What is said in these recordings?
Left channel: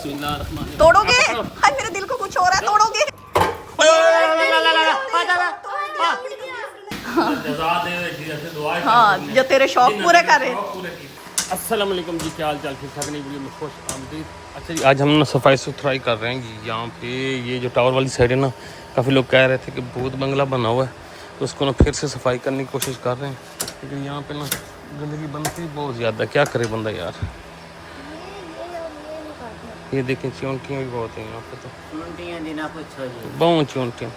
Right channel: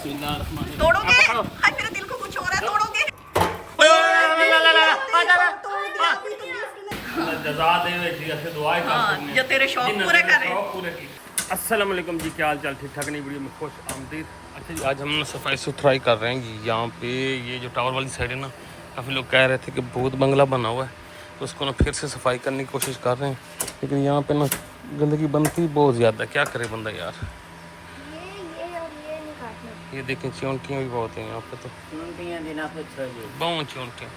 तोड़ोगे? हाय मेरे दिल को कुछ हो रहा है, तोड़ोगे? हाँ, जो तेरे शौक पूरे करे। अस्सलाम वालेकुम जी, क्या हाल चाल? ठीक ठाक नहीं? वीडियो में खुश आमदीद। अच्छा जी, आज हम ना सफाई सुथराई कर रहे हैं जी। यहाँ पे ये जो टावर वाली साइड है ना, काफ़ी लोग कह रहे थे कि भूत बंगला बना हुआ है, तो उसको ना फिर से सफाई करने की कोशिश कर रहे हैं, लेकिन यहाँ पे ना गंदगी बनती बहुत ज़्यादा। क्या करे बंदा यार। ये देखें, चिंटियाँ भी बहुत हैं यहाँ पे, तो बहुत चिंटियाँ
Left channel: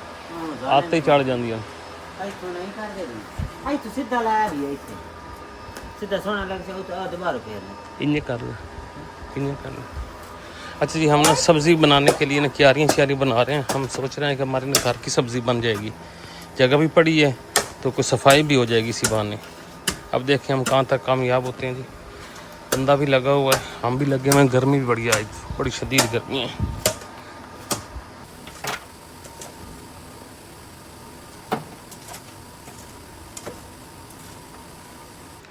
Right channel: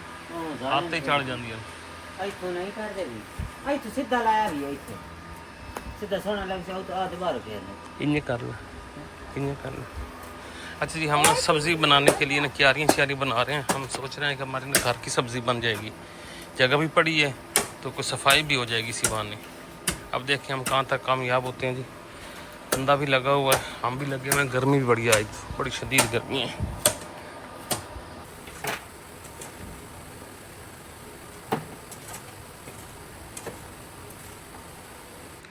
आते ही चढ़ जाती इन्हें कर लो। अच्छा जी, हम ना सब्ज़ी बनाने के लिए ना क्यारियाँ बना रहे हैं। हम सोच रहे हैं कि हमारे ना घर की सब्ज़ी बन जाएगी, जगह भी पड़ी है तो कुछ सफाई भी हो जाएगी इसी बहाने। अब देखें हम कहाँ तक कामयाब होते हैं जी। बंदा भी लगा हुआ है, हम भी लगे हुए हैं। गर्मी भी बढ़िया है, बड़ी शदीद गर्मी है।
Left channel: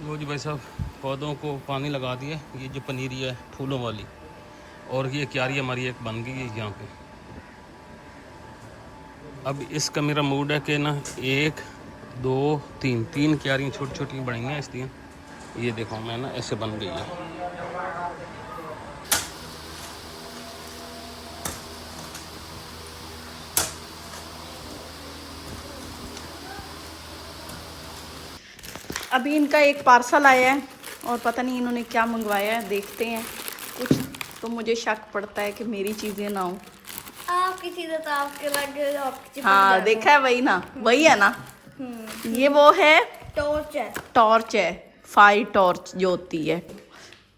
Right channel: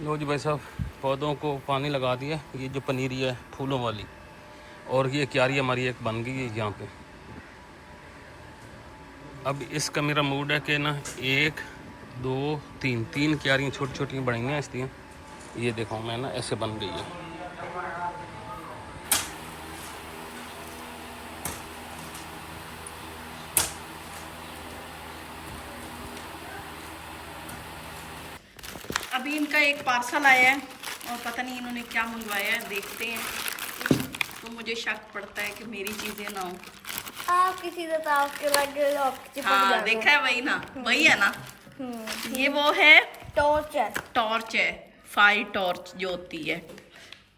लो जी भाई साहब, पौधों को पानी लगा दिया। ये जो पनीरी है फूलों वाली, और ये क्यारी हमारी एक बन गई है यहाँ पे। अब इसका मेरा मूड है कि ना 1 2 3 क्यारियाँ छोटी छोटी बनी हैं इसलिए। ये देखो मैं ना ऐसे बन गई है। अभी इनका एक पार्सल आया है और पता नहीं इन्होंने क्या मंगवाया है, देखते हैं। कुछ तो मुझे शक पड़ता है कि मेरी चीजें ना हो। आपकी चीजें तो आपके लगे, आपकी हाँ देखा है, वही ना, वही है ना। ये वो है टॉर्च है, टॉर्च है, फायर टॉर्च जो होती है।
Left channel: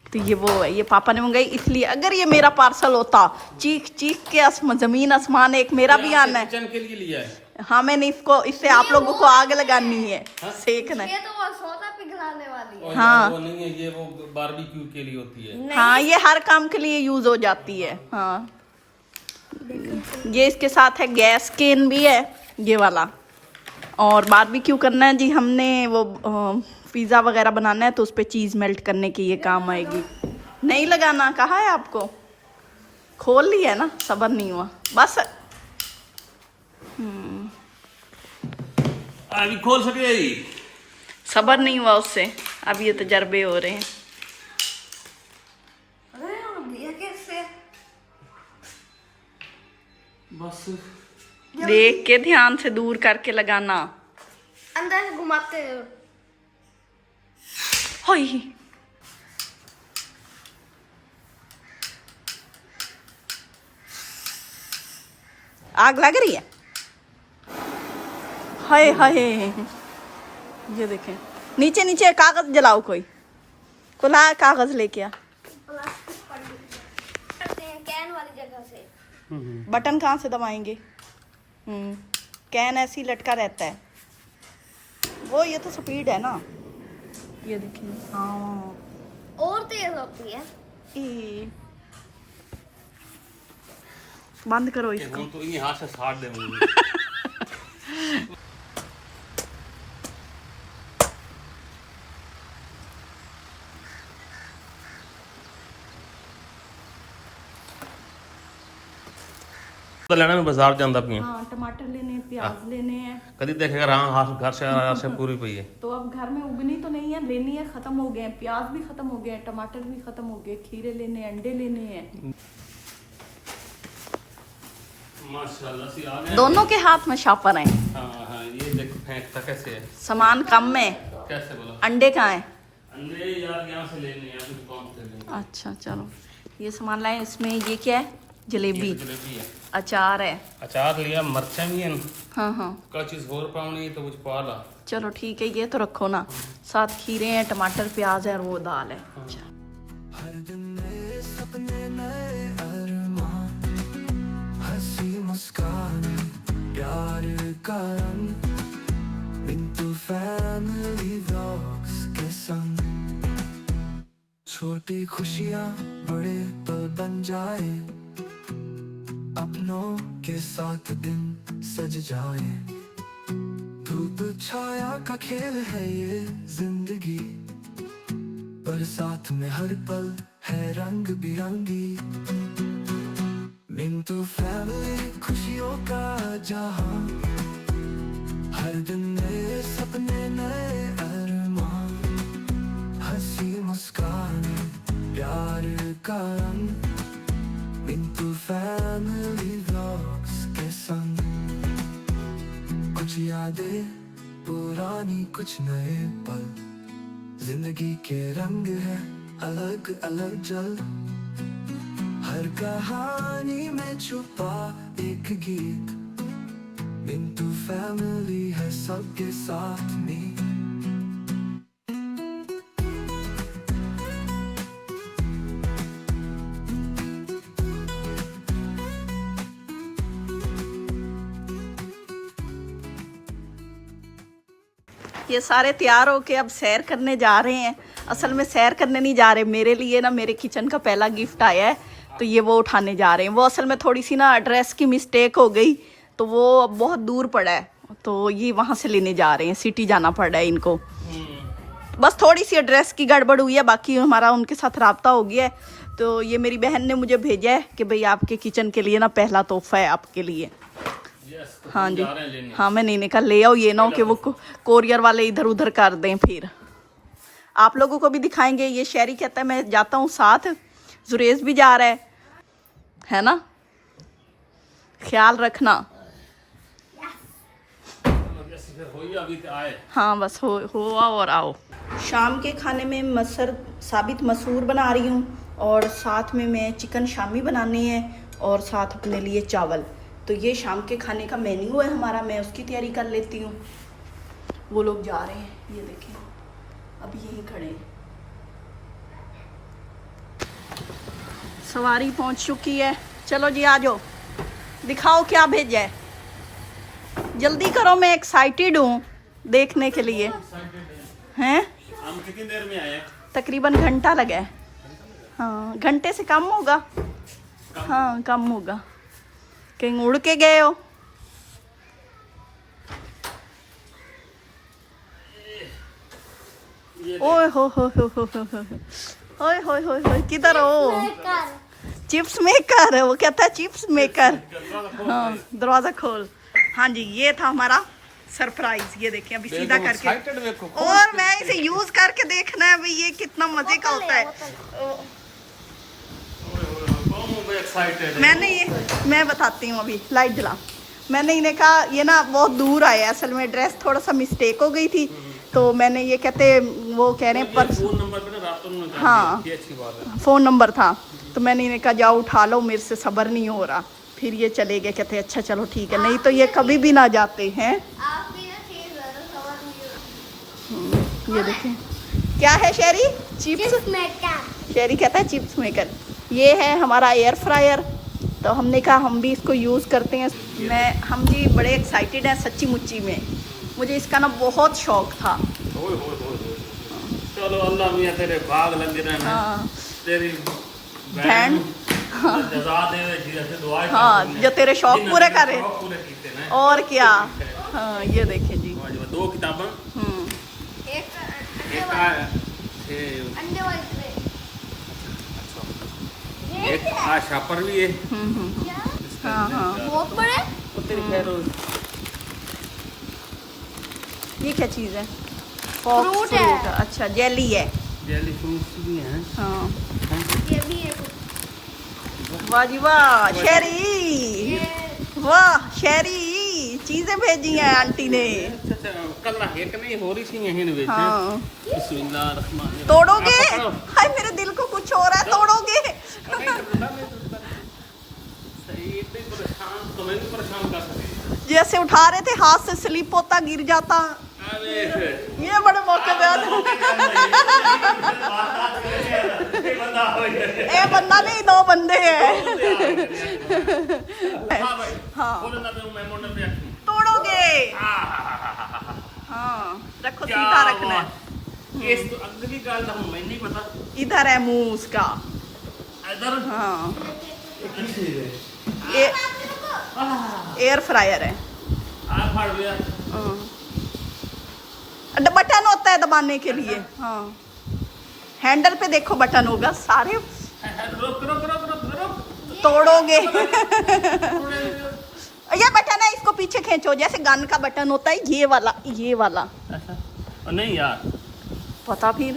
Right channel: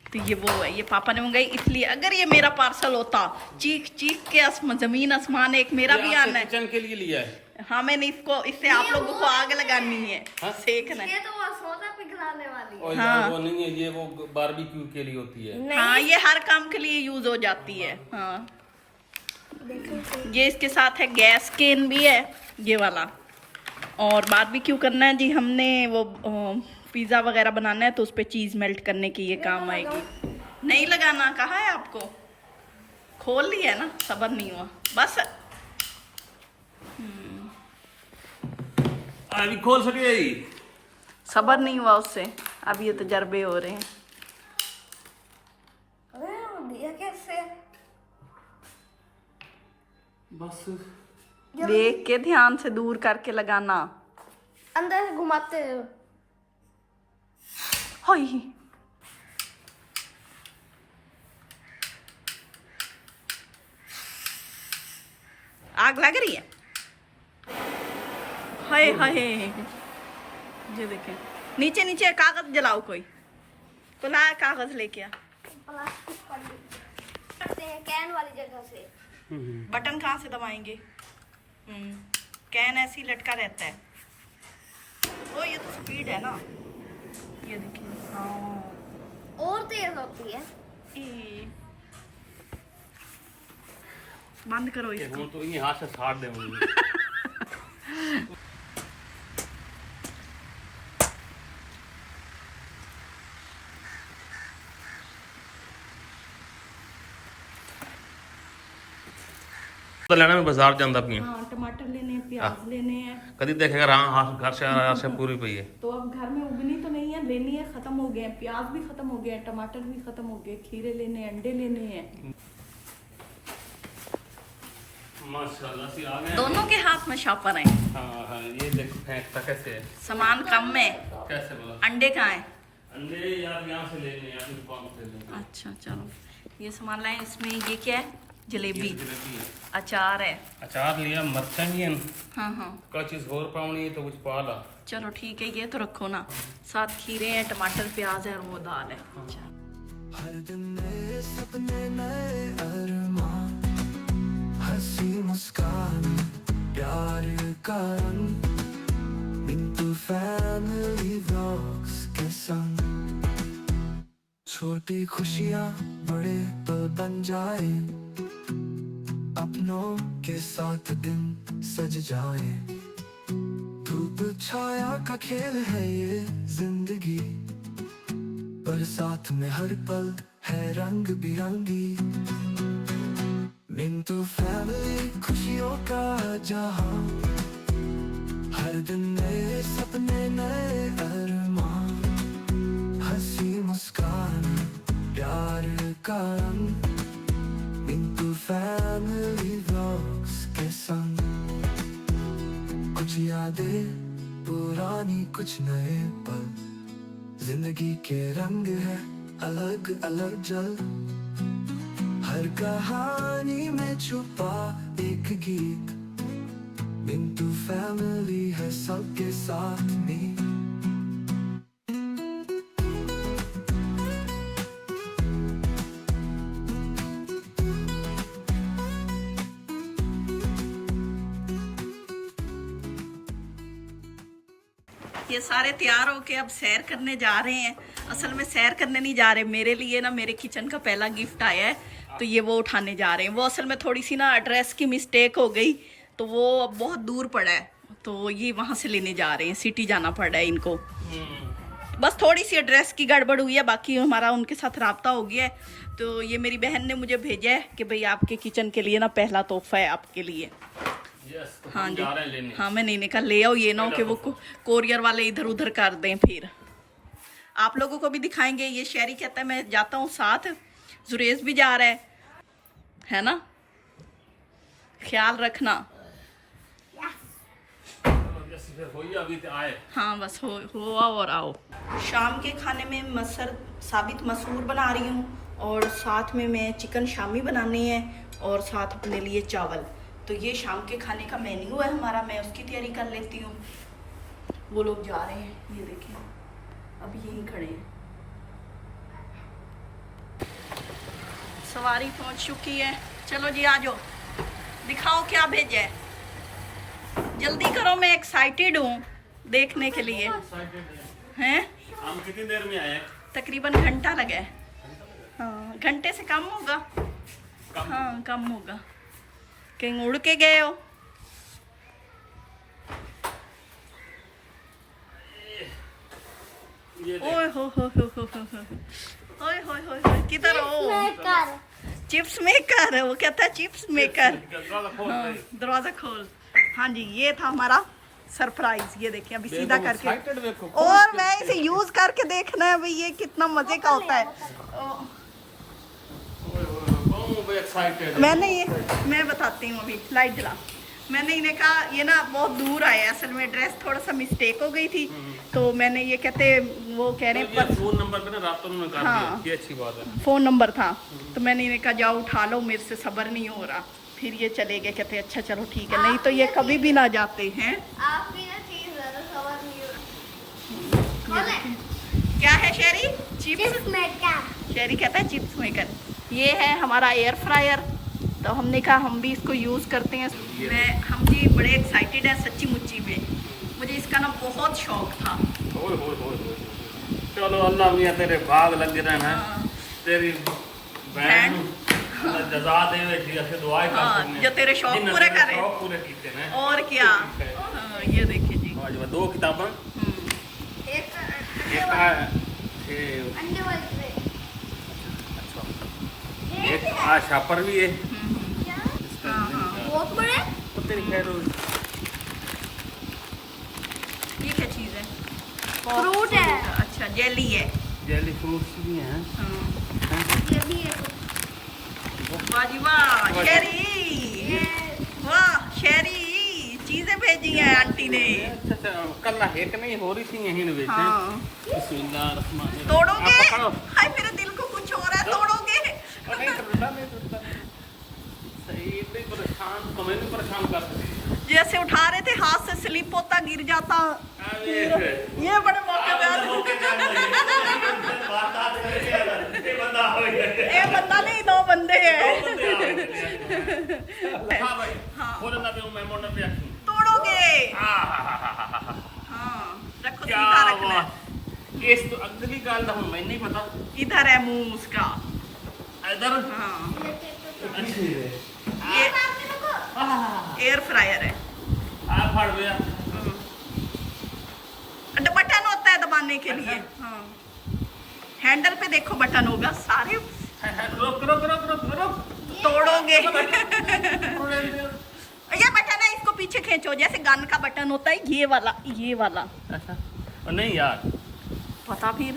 तो ये वो है, ये पापा ने मंगाई इसलिए। अगर ये मेरा पार्सल होता, चीख चीख के जमीन आसमान, एक मेरा भी आना है। किचन के लिए लिया है। हाँ, मैंने इससे आप लोगों को आग लगानी है, सेकना ये तो वो सोना पिघलाने वाली है। हाँ वो नहीं है, ये वो बारबेक्यू के लिए होती है। हाँ, ये हर काम के लिए यूज हो जाती है। हाँ, ये इसके साथ है गैस केन भी है ये वाला। और बारबेक्यू करना है जी हमने, वो पिज़्ज़ा वगैरह बनाना है तो उस पर चीज़ मेल्ट करने की ये काम आएगी। नहीं लगाना कहा है आपको, खोल ली है ना, सबर नहीं हुआ बस। अभी खोल सके, सबर नहीं हुआ उससे, अब ये तजर्बे हो रहे हैं। ये कैसे? बस देख के ध्यान से दूर करके लगाना। अंदर से घुमाते हैं। होई, आग लग रही है। हाय हाय, ये देखें, नीचे नीचे कागज जलाओ, कोई कुला कागज लेके आ। करते हैं कैन वाली जगह से। बटन कहाँ से दबाएंगे? कैन ऐसे ही लटका रहता है वो। ये तो स्पीड है ना, ये देखिए। हाँ, और तेज होती है। बंद करो इसको। तो ये हाथ से साड़ दे मुझे। तो लेना में बाजार जाता पिए। हाँ, टमाटर लेने हैं, प्याज लेने हैं। कभी देखेगा हाँ घर से पूरी पई है। तो अब घर में उगनी तो नहीं है, लेनी है, खत्म हो गए हैं। प्याज भी खत्म हो गए हैं, टमाटर भी खत्म हो गए, खीरे लेने हैं, अंडे लेने हैं। माशाल्लाह से आ गए। दोनों के हाथ में शापर है। हाँ, ये देखो फेंकता कैसे है। सामान कम है। कैसे बोला? अंडे कहाँ है? अंडे यार यहाँ से लेने हैं, अपनी दुकान से लेने। अच्छा चलो, ये सामान लाए। इसमें ये क्या है? जलेबी, जलेबी है, अचार है। अचार लिया, मिर्चा भी है। हाँ हाँ, का चीज और पावनी है तो कुछ पा ला। चलो ठीक है, ये तो रखो ना। साथ खीरे हैं, टमाटर, प्याज है और वो दाल है। अच्छा, हर दिन नए सपने, नए अरमान, हंसी मुस्कान, प्यार का रंग, मिंटू फैमिली व्लॉग्स के संग। छोटी खुशियाँ बड़े तो बन जाए, अपनों के साथ दिन सज जाए। धूप छाया का खेल है ये जिंदगी, पर साथ में हर पल है रंग बिरंगी। मिंटू फैमिली खुशियों का जहां, हर दिन नए सपने नए अरमान, हंसी मुस्कान प्यार का रंग, मिंटू फैमिली व्लॉग्स के संग। कुछ यादें पुरानी कुछ नए पल, जिंदगी के रंग है अलग अलग जल, हर कहानी में छुपा एक गीत, मिंटू फैमिली है सबके साथ में। ये सारे तैयार होके अब सैर करने जा रहे हैं। असल में सैर करने नहीं जा रहे, मेरे लिए ना मेरे किचन का पहला गिफ्ट आया है, तो ये वो उठाने जा रहे हैं। वो असल में थोड़ी सी ना एड्रेस की मिस्टेक हो गई, तो वो बहुत दूर पड़ा है, तो ये वहाँ से लेने जा रहे हैं। सिटी जाना पड़ रहा है इनको, बस थोड़ी सी एड्रेस की गड़बड़ हुई है, बाकी हमारा उनके साथ रब्ता हो गया है। तो ये मेरी बहन ने मुझे भेजा है कि भाई आपके किचन के लिए ना पहला तोहफा है आपके लिए। तो हाँ जी, जा रहे हैं लेने। हाँ मैंने इन्हें कहा ले आओ, ये ना हो कि वो कोरियर वाले इधर उधर कर दें। फिर आप लोगों को भी दिखाएंगे। ये शहरी कहता है मैं जाता हूँ साथ, जुरेज भी जा रहा है ना, ख्याल रखना। अभी तो आए। हाँ बस हो आओ और आओ। शाम के खाने में मसर साबित मसूर बना रही हूँ, और साथ में मैं चिकन शामी बनानी है, और साथ अपने लिए चावल। तो ये शाम के खाने का मेन्यू है हमारा, मैं उसकी तैयारी कर लेती हूँ। वो लोग जा रहे हैं, ये देखें अभी यहीं खड़े हैं। सवारी पहुंच चुकी है, चलो जी आ जाओ, दिखाओ क्या भेजा है, जल्दी करो, मैं एक्साइटेड हूँ देखने के लिए। हैं हम कितनी देर में आए? तकरीबन घंटा लगा है। हाँ घंटे से कम होगा। हाँ कम होगा। कहीं उड़ के गए हो? ओए हो ओए हो किधर हो? चिप्स मेकर, वो कहता है चिप्स मेकर। हाँ दरवाजा खोल। हाँ जी, ये था हमारा सरप्राइज। ये देखिए अभी सीधा करके, और मैं इसे यूज करके देखना है भाई ये कितना मजे का होता है। मैं बताती हूँ, अभी लाइट जला। मैंने इन्हें कहा ये ना बहुत दूर आया, असल में एड्रेस थोड़ा सा मिस्टेक हो गई थी, तो मैंने ये कहते वो कह रहे हैं पर फोन नंबर पे ना रात में कर हाँ दिया, अच्छी बात है। फ़ोन नंबर था, तो मैंने इन्हें कहा जाओ उठा लो, मेरे से सब्र नहीं हो रहा। फिर ये चले गए, कहते अच्छा चलो ठीक है, नहीं तो ये कभी भी ना जाते हैं। ये देखें क्या है शेरी, चिप्स मेकर। शेरी कहता है चिप्स मेकर। ये है हमारा एयर फ्रायर, तो हमने कहा हम भी इसको यूज़ करते हैं। हम जी बड़े एक्साइटेड हैं सच्ची मुच्ची में, मुझे इसका ना बहुत शौक था। चलो अल्लाह मियां तेरे भाग लग रहे हैं, तेरी बहन जज़ा देवे जी ऐसे दुआएं कर। हाँ जो तेरे शौक पूरे करे, पूरे कीते हैं और क्या। हाँ ये देखें जी, दो किताबें, एक आ शापर भी है। हाँ हाँ बहुत बड़े। तेरी खैर हो। ये क्या चीज़ है? फ्रूट है। अच्छा जेली है। जेली फ्रूट्स भी हैं। हाँ ये भी है। वाह जी वाह शेरी, वाह शेरी चीजें भेजी हैं आंटी ने। अच्छा कल ना हेक नहीं हो रही थी यहीं ने। हाँ बिस्मिल्लाह रहमान। तोड़ोगे? हाय मेरे दिल को कुछ हो रहा है, तोड़ोगे? नहीं टूटता। सही इतनी परेशान, तुम्हें नहीं परेशान कर सकती। जैसे उठा रहे थे हाथ से स्लिप होता गिर जाता। ये बड़े मौके पे आते। ये बंदा नहीं, दो बंदे हैं। हाँ तोड़ोगे? हाँ रखो, सीधा रखना है। इस तो अगली गाल हम मैं नहीं पता। इधर है मुंह उसका, इधर। हाँ ये एयर फ्रायर है। आ फाड़ गया। बटन होता है दबाने के लिए। हाँ हैंडल पे देखो बटन होगा सारे। रुक रुक रुक रुक रुक। तोड़ोगे। ये बटन है, इसको पीछे खींचो, जैसे गन का बटन होता है, ये वाला, ये वाला। अच्छा और नहीं यार पता फिर। ये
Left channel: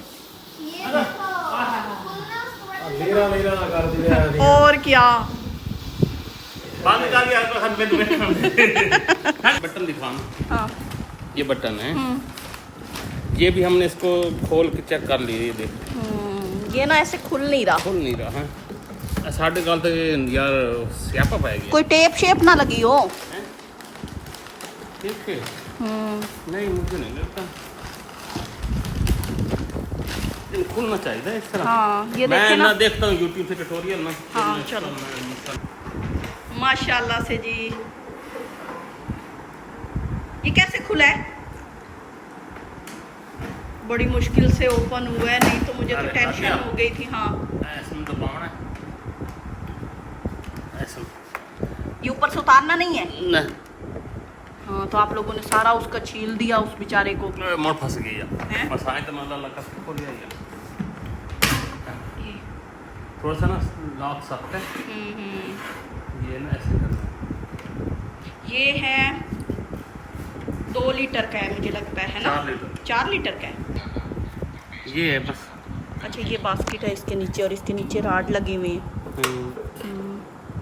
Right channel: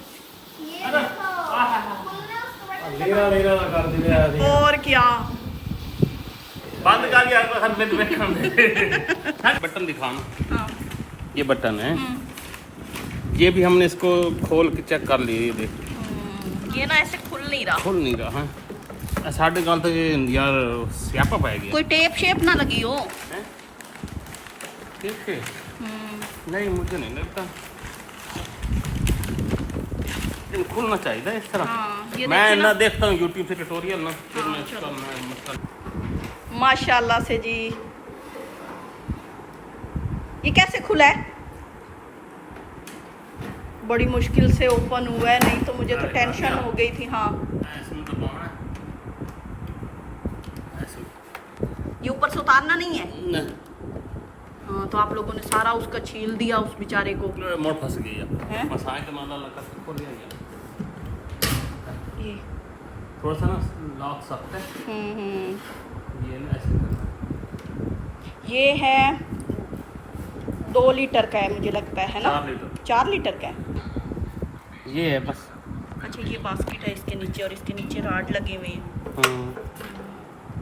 देखो खुलना उसके बाद लेना कर दिया और क्या। बंद कर यार तो हम में बटन दिखाना। हाँ। ये बटन है, ये भी हमने इसको खोल के चेक कर ली। देख ये ना ऐसे खुल नहीं रहा। खुल नहीं रहा है। साढ़े काल तक यार स्यापा पाएगी। कोई टेप शेप ना लगी हो। ठीक है। नहीं मुझे नहीं लगता, लेकिन खुलना चाहिए इस तरह। हाँ, ये मैं देखिए ना ना। देखता हूँ यूट्यूब से ट्यूटोरियल ना। फिर हाँ, मैं इसका चलो। मैं माशाल्लाह से जी। ये कैसे खुला है? बड़ी मुश्किल से ओपन हुआ है, नहीं तो मुझे तो अरे, टेंशन हो गई थी। हाँ, ऐसे में दबाना है। ऐसे ये ऊपर से उतारना नहीं है। नहीं हाँ, तो आप लोगों ने सारा उसका छील दिया उस बेचारे को। मोड़ फंस गई हैं? है। मसाए तो माला लगा के खोल दिया। ये। थोड़ा सा ना लॉक सकते हैं। ये ना ऐसे करना है। ये है 2 लीटर का है मुझे लगता है ना। 4 लीटर 4 लीटर का है। ये है बस। अच्छा, ये बास्केट है इसके नीचे, और इसके नीचे राड लगी हुई है।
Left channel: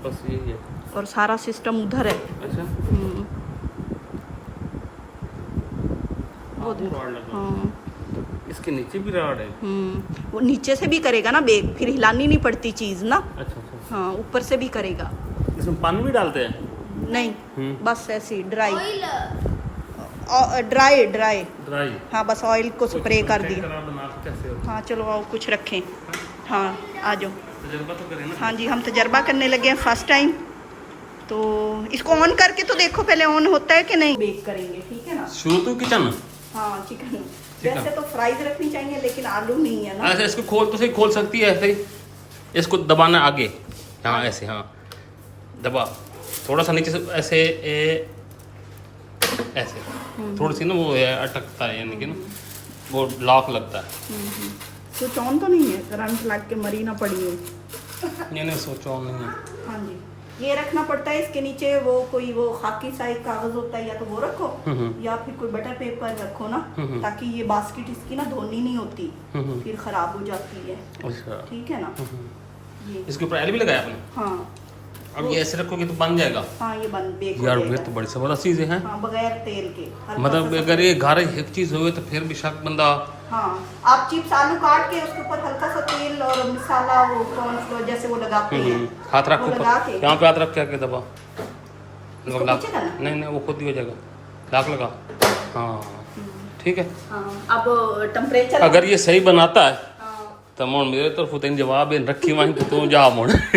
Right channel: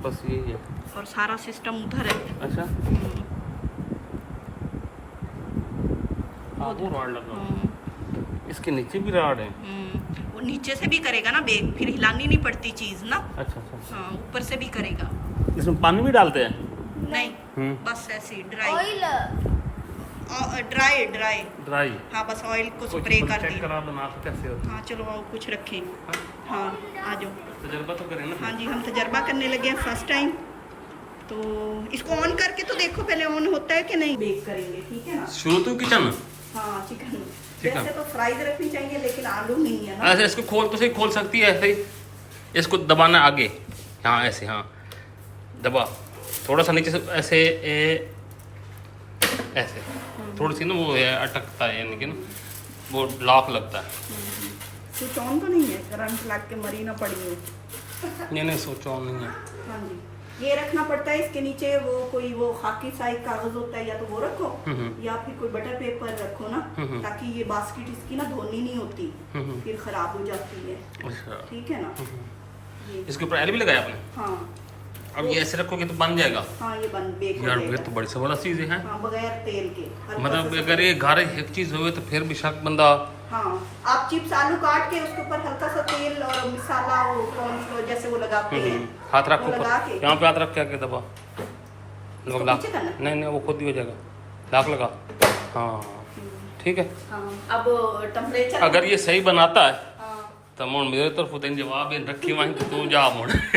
बस यही है। और सारा सिस्टम उधर है। अच्छा वो वो रॉड लगा। हाँ। इसके नीचे भी रॉड है। वो नीचे से भी करेगा ना बेग, फिर हिलानी नहीं पड़ती चीज ना। अच्छा अच्छा। हाँ, ऊपर से भी करेगा। इसमें पानी भी डालते हैं? नहीं, बस ऐसी ड्राई ऑयल ड्राई। ड्राई। हाँ, बस ऑयल को स्प्रे कर चेक दिया। करा बना के कैसे होता हाँ, चलो और कुछ रखें। हाँ, आ जाओ। है? तजुर्बा तो करें ना। हाँ जी, हम तजर्बा करने लगे हैं फर्स्ट टाइम। तो इसको ऑन करके तो देखो पहले ऑन होता है कि नहीं। बेक करेंगे, ठीक है ना। शुरू तो किचन। हाँ, चिकन वैसे तो फ्राइज रखनी चाहिए, लेकिन आलू नहीं है ना। ऐसे इसको खोल तो सही, खोल सकती है ऐसे ही। इसको दबाना आगे, हाँ ऐसे, हाँ दबा थोड़ा सा नीचे से ऐसे ऐसे थोड़ी सी ना वो है अटकता है, यानी कि ना वो लॉक लगता है। स्विच ऑन तो नहीं है, करंट लग के मरी ना पड़ी हो। नहीं सोचो नहीं है। हाँ जी, ये रखना पड़ता है इसके नीचे। वो कोई वो खाकी सा एक कागज होता है, या तो वो रखो या फिर कोई बटर पेपर रखो ना, ताकि ये बास्केट इसकी ना धोनी नहीं होती, फिर खराब हो जाती है। अच्छा ठीक है ना। ये इसके ऊपर एल भी लगाया आपने? हाँ। अब ये ऐसे रखोगे तो बन जाएगा। हाँ, ये बन बेक हो यार जाएगा। ये तो बड़ी से बड़ा चीज है। हाँ, बगैर तेल के। हल्का मतलब सा अगर ये घर एक चीज हो तो फिर भी शक बंदा। हाँ, आप चिप्स आलू काट के उसके ऊपर हल्का सा तेल और मसाला, वो कॉर्नफ्लोर जैसे वो लगाते हैं। हाथ रखो वो लगा ऊपर, के। यहाँ पे हाथ रख के आके दबा। इसको लाक पीछे करना? नहीं वो खुद ही हो जाएगा। लाक लगा, हाँ ठीक है। हाँ, अब टेम्परेचर अगर ये सही बनाता है तो मोड़ मेरे तरफ तो जवाब है रखी वहीं कि तू जा मोड़। ऐसे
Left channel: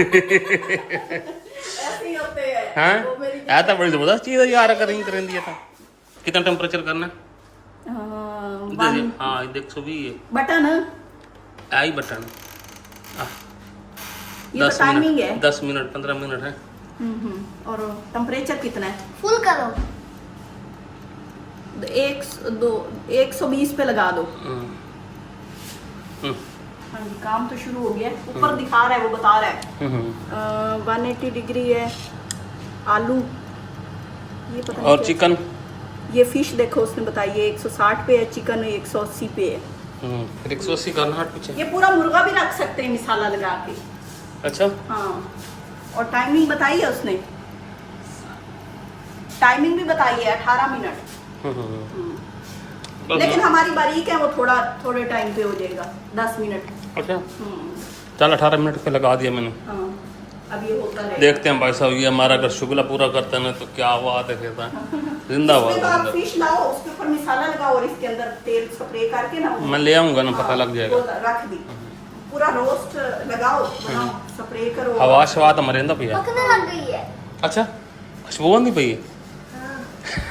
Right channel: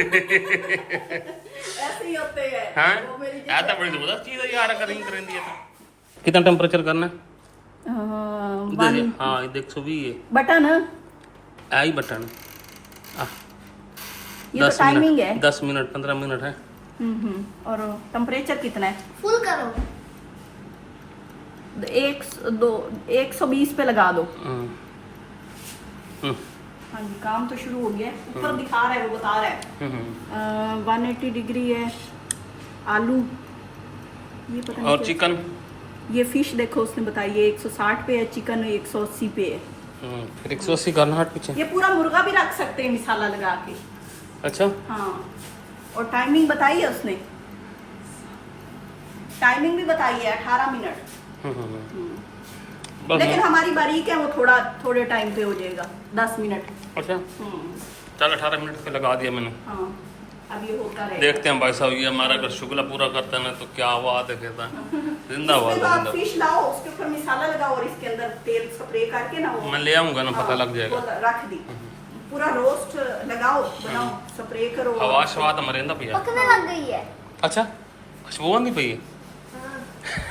ही होते हैं। हाँ वो मेरी ऐसा बड़ी जबरदस्त चीज है यार, करेंगे करें दिया था। कितना टेम्परेचर करना है? हाँ ये देख सो भी है बटन आई बटन। ये 10 टाइमिंग मिनट है। 10 मिनट 15 मिनट है। और टेम्परेचर कितना है? फुल करो। 120 पे लगा दो। हम्म, हाँ जी, काम तो शुरू हो गया है। ऊपर दिखा रहा है, वो बता रहा है 180 डिग्री है। आलू ये पता नहीं और क्या- चिकन ये फिश देखो, उसने बताया ये 160 पे है, चिकन 180 पे है। फिर 180 करना हट पीछे। ये पूरा मुर्गा भी रख सकते हैं मसाला लगा के। अच्छा हाँ, और टाइमिंग बताई है उसने। टाइमिंग भी बताई है 18 मिनट। बस लेकिन हमारी बारीक है, वो थोड़े टाइम पे हो जाएगा, 10 मिनट। अच्छा चल 18 मिनट पे लगा दिया मैंने। हाँ, अब ये होता रहेगा। देखते हैं भाई साहब, ये हमारा अगर शुगला पूरा करते हैं तो क्या बात है कहता है। जिंदाबाद उसके बाद जिंदाबाद। फिश लाओ, उसके ऊपर मसाला लगाओ और इसके अंदर तेल स्प्रे करके ना वो- मैं ले आऊंगा ना, पता लग जाएगा। वो रख दी, पूरा रोस्ट लगाओ, बनाओ, स्प्रे करो। हवा शवा तो मरेंदा पिया। पकने लग गई है। अच्छा खुशबू आंदी पई है।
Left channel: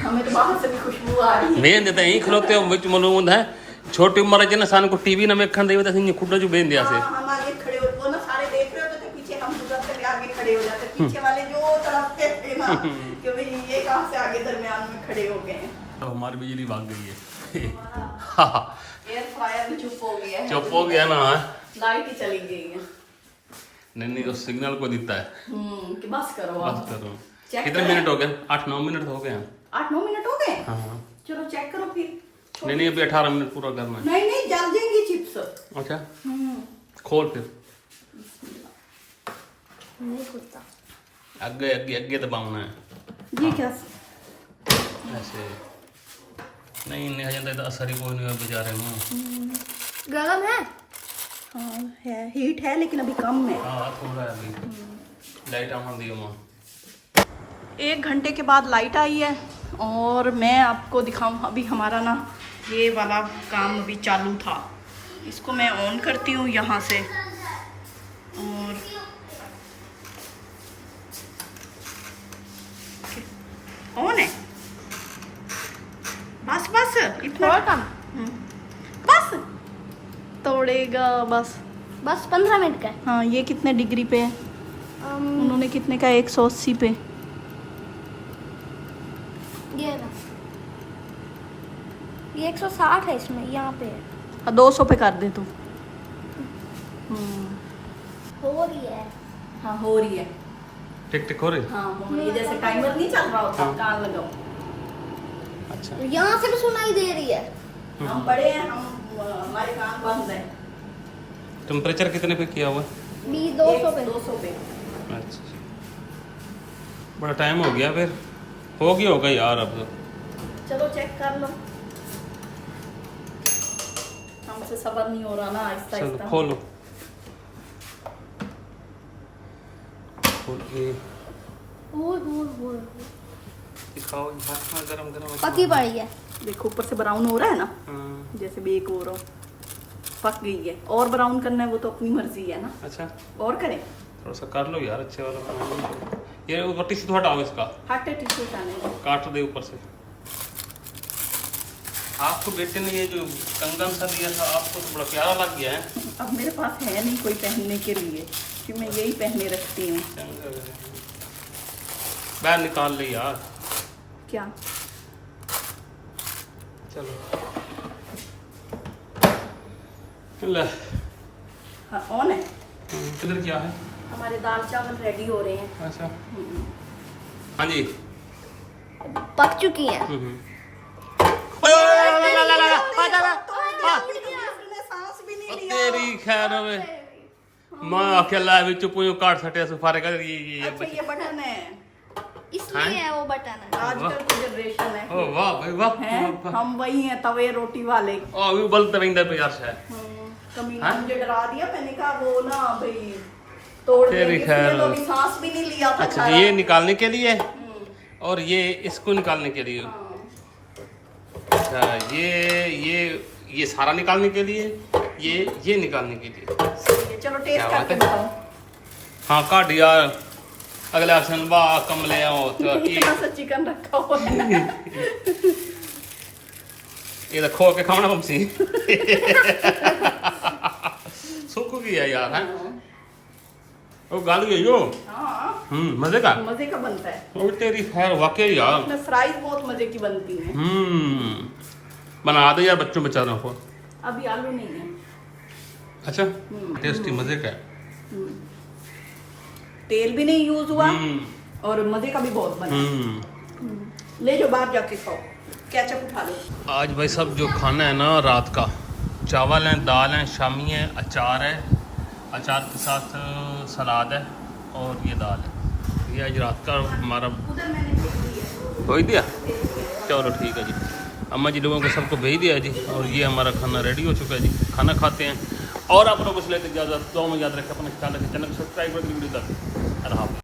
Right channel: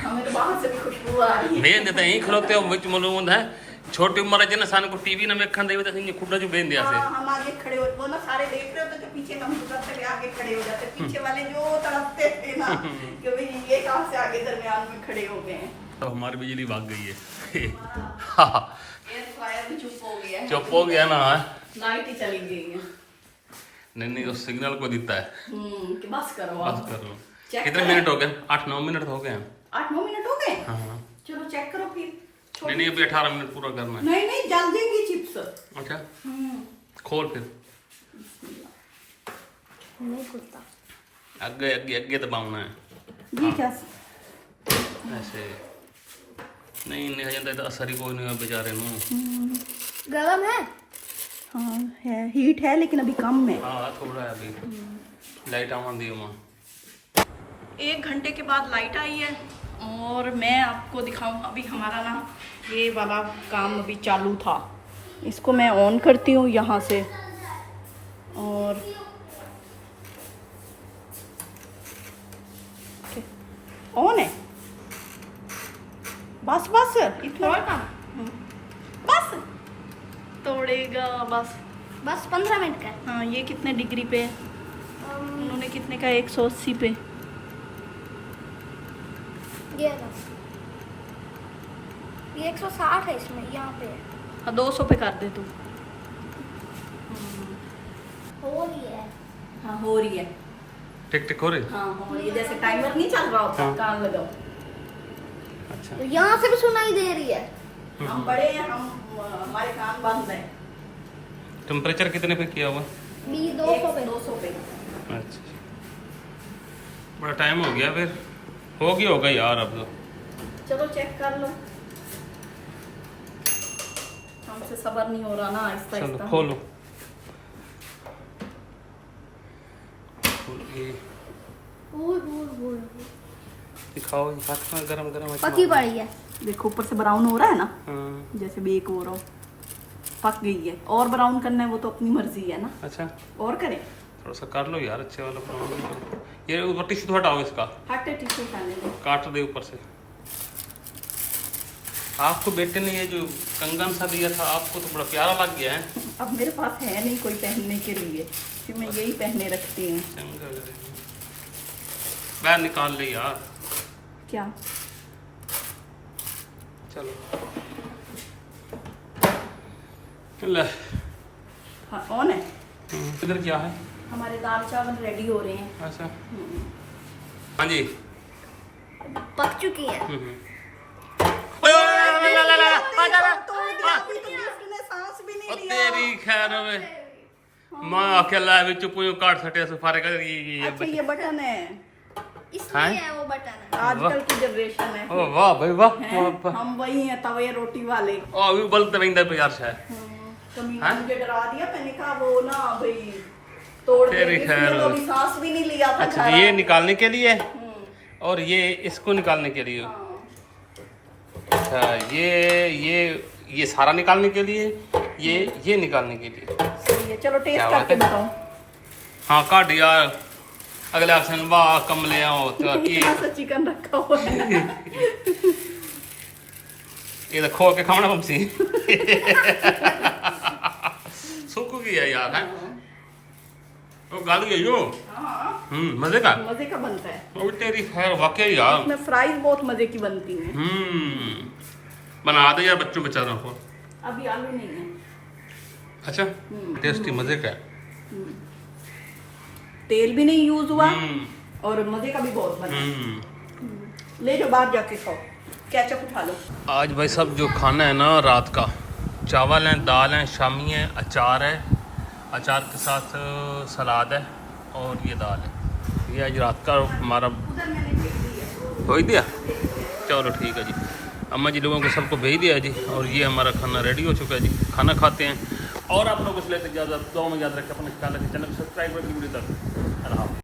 हमें तो बाहर से भी खुशबू आ रही है। बेन देते ही खलोते हो विच मलूद है। छोटी उम्र च ना सान को टीवी न वेखन देवे तो सिंह खुड्डा जो बेन दिया से। हाँ, हम आगे खड़े हो, वो ना सारे देख रहे होते थे पीछे, हम दूसरे से आगे खड़े हो जाते, पीछे वाले जो तड़पते थे ना कि भाई ये कहाँ से आगे दरमियान में खड़े हो गए हैं। तो हमारी बिजली भाग गई है। एयर फ्रायर भी चुप हो गया है। चुप हो गया ना। लाइट ही चली गई है। नहीं वो सिग्नल को देता है। कि बस करो बस आप। करो। चेक कितने करें? मिनट हो गए? 8-9 मिनट हो गए हैं। 8-9 मिनट हो गए। हाँ चलो चेक करो फिर। नहीं अभी 18 मिनट पूरा करना है। नहीं जल जाएंगी चिप्स। अच्छा खोल फिर नहीं खुलता। आगे आगे आगे दबाना है जी क्या? ऐसे नहीं नहीं हजंदा तो असर ही कोई नहीं है बेचारे ਨੂੰ। गरम है। हाँ है, हीट है लेकिन अभी कम है। हाँ थोड़ा है अभी लाइट आवन दी मां। 1 घंटे के बाद लाइट आई है और मैं आपको दिखाऊं अभी हमारा ना ये वाला काम अभी चालू था। इसको मैं ऑन करती हूँ यहाँ से और ऑन है। बस बस इतना काम। बस तोड़ेगा बस। बस 15 मिनट का है। हाँ ये कितने डिग्री पे है? उन्होंने कितने का? 180 पे। ये 160 है इसमें, यहाँ पे है। 200 पे कर दे तू। हो रही है। हाँ हो रही है। टिक टिक हो रही। हाँ हो रही है, जैसे टाइमर नहीं चल रहा होता। हाँ। कान लगाओ। अच्छा तो यहाँ से भी सुनाई दे रही है। हम बड़े हैं, हम हमारे कान बंद है। टेम्परेचर कितने पे किया हुआ है? 200 पे। 200 पे। अच्छा बड़ा टाइम हो गया फिर। होगा यार अब लोग। चलो चेक कर लो। हमसे सबर नहीं हो रहा ना। आहिस्ता चलो आहिस्ता खोलो दिखाओ गरम गरम पकी पड़ी है। देखो ऊपर से ब्राउन हो रहा है ना, हाँ, जैसे बेक हो रहा हो। पक गई है। और ब्राउन करना है वो तो अपनी मर्जी है ना। अच्छा और करें? थोड़ा सा कर लो यार अच्छे वाला काम। ये ऊपर टिश्यू तो हटाओ इसका। हटे टिश्यू पहने दो। काट दे ऊपर से। आपको बेटे ने ये जो कंगन सा दिया था आपको तो बड़ा प्यारा लग गया है। अब मेरे पास है नहीं कोई पहनने के लिए, फिर मैं यही पहने रखती हूँ। बाहर निकाल ले यार। क्या? चलो ले। हाँ ऑन है। इधर क्या है? हमारे दाल चावल रेडी हो रहे हैं। अच्छा हाँ जी। पक चुकी है। तेरी खैर हवे मैं अकेला भी चुप हूं काट सटे सफारे का ये अच्छा ये बटन है। इसमें हाँ? है वो बटन है। आजकल की जनरेशन है। ओ वाह भाई वाह। हैं? हम वही हैं तवे रोटी वाले। ओ अभी बलते रहंदा पे यार शायद। कमीना हाँ? मुझे डरा दिया। मैंने कहा वो ना भाई तोड़ तेरी देंगे, खैर। इसलिए तो अभी सांस भी नहीं लिया था। अच्छा ये निकालने के लिए और ये इसको निकालने के लिए। अच्छा ये सारा निकालने के लिए ये निकालने के लिए। सही है। चलो टेस्ट क्या बात करके है? बताओ। हाँ काट यार अगले ऑप्शन वाह कमले आओ तो इतना सा चिकन रखा हुआ है। ये तो खो के खाना बमसी सुख गया यार है। ओ गाली गई हो। हाँ मजे का। मजे का बनता है। ओ तेरी खैर वाकई यार। इसमें फ्राइज बहुत मजे की बनती हैं। बना दे यार बच्चों बेचारों को। अभी आलू नहीं है। अच्छा टेस्टी मजे का है। तेल भी नहीं यूज हुआ और मजे का भी बहुत बना। ले जाओ बाहर जाके खाओ। केचप उठा लो। आज भाई सब जो खाना है ना रात का चावल है दाल है शामी है अचार है अचार के साथ सलाद है और ये दाल है। ये आज रात का हमारा उधर मैंने भेज दिया। हो ही दिया। चलो ठीक है जी अम्मा जी लोगों को सबको भेज दिया जी और ये हमारा खाना रेडी हो चुका है जी। खाना खाते हैं और आप लोगों को लेते ज़्यादा 2 में याद रखें अपना ख्याल रखें चैनल को सब्सक्राइब करके वीडियो तक।